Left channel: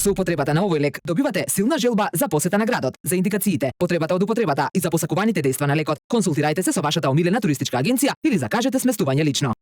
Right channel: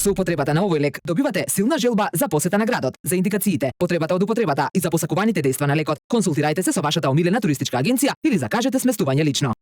Со употребата на овој лек добивате силна желба за посета на градот. За индикациите, потребата од употребата и за посакуваните дејства на лекот, консултирајте се со вашата омилена туристичка агенција или закажете сместување лично.